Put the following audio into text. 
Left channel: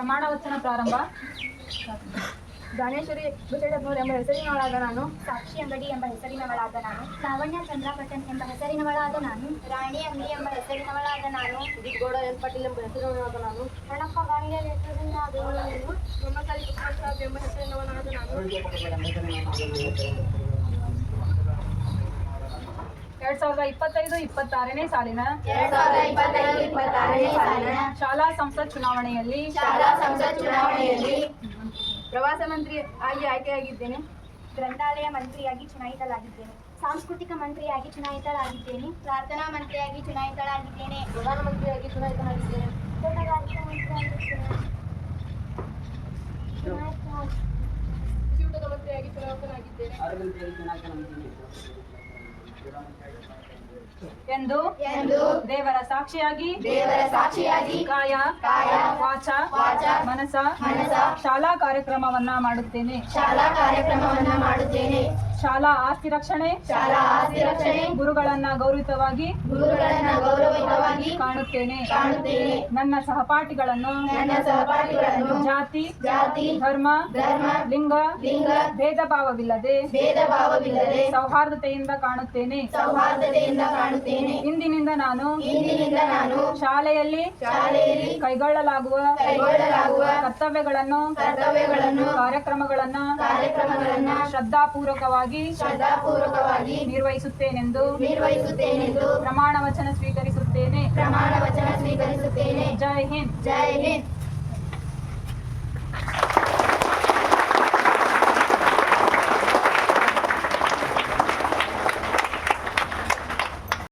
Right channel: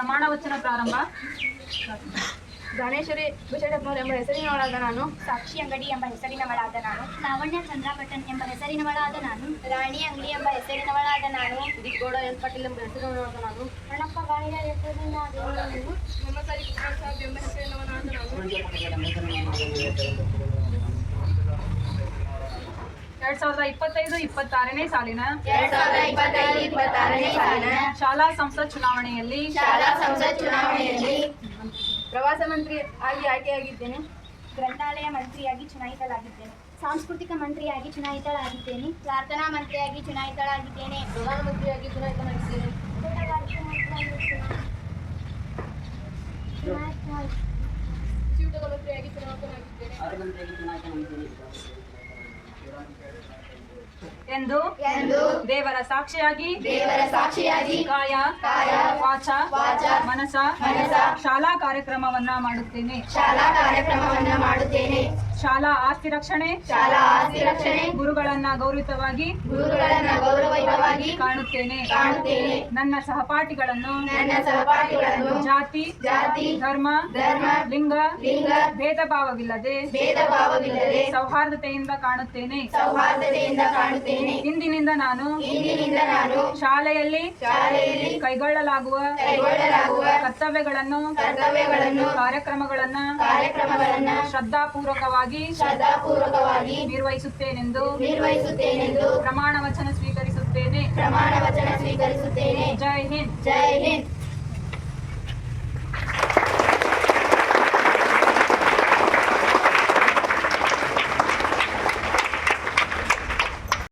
ಪ್ರಮಾಣ ವಚನ ಪ್ರಾರಂಭ. ದಾನೇಶ್ವರಿ ಭುಜಟಪ್ನೂರ್ ಎಂಬ ಹೆಸರಿನವಳಾದ ನಾನು. ಸಾಕ್ಷಿ ಅಂಗಡಿ ಎಂಬ ಹೆಸರಿನವಳಾದ ನಾನು. ಲಾವಣ್ಯ ಚಂದ್ರಕಟ್ಟನ್ ಎಂಬ ಹೆಸರಿನವಳಾದ ನಾನು. ರಾಣಿ ಅಂಗಡಿ ಎಂಬ ಹೆಸರಿನವಳಾದ ನಾನು. ದಿಗ್ಗೋಡ ಎಸ್ ಪಾಟೀಲ್ ಎಂಬ ಹೆಸರಿನವಳಾದ ನಾನು. ಅಣ್ಣಪ್ಪ ಗಾಣಿಗ ಹೆಸರಿನಾದ ನಾನು. ಮೊಹಮ್ಮದ್ ಕೃಷ್ಣ ಎಂಬ ಹೆಸರಿನವನಾದ ನಾನು. ಎರಡ್ ಸಾವಿರದ ಇಪ್ಪತ್ತೈದು ಇಪ್ಪತ್ತಾರನೇ ಸಾಲಿನ ಎರಡ್ ಸಾವಿರದ ಇಪ್ಪತ್ತೈದು ಇಪ್ಪತ್ತಾರನೇ ಸಾಲಿನ ಶಾಲಾ ಸಂಸತ್ ಚುನಾವಣೆಯಲ್ಲಿ ಶಾಲಾ ಸಂಸತ್ ಚುನಾವಣೆಯಲ್ಲಿ ಪ್ರವಾಸ ಮಂತ್ರಿ ಆಗಿ ಆಯ್ಕೆಯಾಗಿದ್ದೇನೆ. ಗ್ರಂಥಾಲಯ ಮಂತ್ರಿಯಾಗಿ ಚುನಾಯಿತಳಾಗಿದ್ದೇನೆ. ಸಾಂಸ್ಕೃತಿಕ ಮಂತ್ರಿಯಾಗಿ ಚುನಾಯಿತಳಾಗಿದ್ದೇನೆ. ಪ್ರಾರ್ಥನಾ ಮಂತ್ರಿಯಾಗಿ ಚುನಾಯಿತಳಾಗಿದ್ದೇನೆ. ಪ್ರಧಾನಮಂತ್ರಿಯಾಗಿ ಚುನಾಯಿತನಾಗಿದ್ದೇನೆ. ಮಂತ್ರಿಯಾಗಿ ಚುನಾಯಿತನಾಗಿದ್ದೇನೆ. ಎಂದು ದೇವರ ಸಾಕ್ಷಿಯಾಗಿ ದೇವರ ಸಾಕ್ಷಿಯಾಗಿ ಕಾಯ ಕಾಯ, ವಾಚ ವಾಚ, ಮನಸ ಮನಸ, ಶಾಲಾ ಕಾರ್ಯಕ್ರಮವನ್ನ ಮಾಡುತ್ತೇನೆ. ಶಾಲಾ ಕಾರ್ಯಕ್ರಮವನ್ನ ಮಾಡುತ್ತೇನೆ. ಶಾಲಾ ಆಸ್ತಿ ರಕ್ಷಣೆ ಶಾಲಾ ಆಸ್ತಿ ರಕ್ಷಣೆ ಗುರುಗಳನ್ನ ಗೌರವಿತವಾಗಿ ಗುರುಗಳನ್ನ ಗೌರವಯುತವಾಗಿ ಕಾಣುತ್ತೇನೆ. ಕಾಣುತ್ತೇನೆ. ನನ್ನ ಸಹಪಾಠಿಗಳನ್ನು ನನ್ನ ಸಹಪಾಠಿಗಳನ್ನು ಜಾತಿ ಜಾತಿ ಧರ್ಮ ಧರ್ಮ ಲಿಂಗ ಲಿಂಗ ಭೇದ ಭಾವವಿಲ್ಲದೆ ಭೇದ ಭಾವವಿಲ್ಲದೆ ಸೌಹಾರ್ದತೆಯಿಂದ ಕಾಣುತ್ತೇನೆ. ಸೌಹಾರ್ದತೆಯಿಂದ ಕಾಣುತ್ತೇನೆ. ಇಂದಿನಿಂದ ನಾನು ಇಂದಿನಿಂದ ನಾನು ಶಾಲೆಯಲ್ಲಿ ಶಾಲೆಯಲ್ಲಿ ಕೈಗೊಳ್ಳಲಾಗುವ ಕೈಗೊಳ್ಳಲಾಗುವ ಕರ್ತವ್ಯಗಳನ್ನು ಕರ್ತವ್ಯಗಳನ್ನು ಕಾರ್ಯಕ್ರಮಗಳನ್ನ ಕಾರ್ಯಕ್ರಮಗಳನ್ನ ಶ್ರದ್ಧಾಪೂರ್ವಕವಾಗಿ ಶ್ರದ್ಧಾಪೂರ್ವಕವಾಗಿ ನಿರ್ವಹಿಸುತ್ತೇನೆಂದು ನಿರ್ವಹಿಸುತ್ತೇನೆಂದು ಪ್ರಮಾಣ ವಚನ ಸ್ವೀಕರಿಸುತ್ತೇನೆ. ಪ್ರಮಾಣ ವಚನ ಸ್ವೀಕರಿಸುತ್ತೇನೆ. ಜೈ ಹಿಂದ್. ಜೈ ಹಿಂದ್.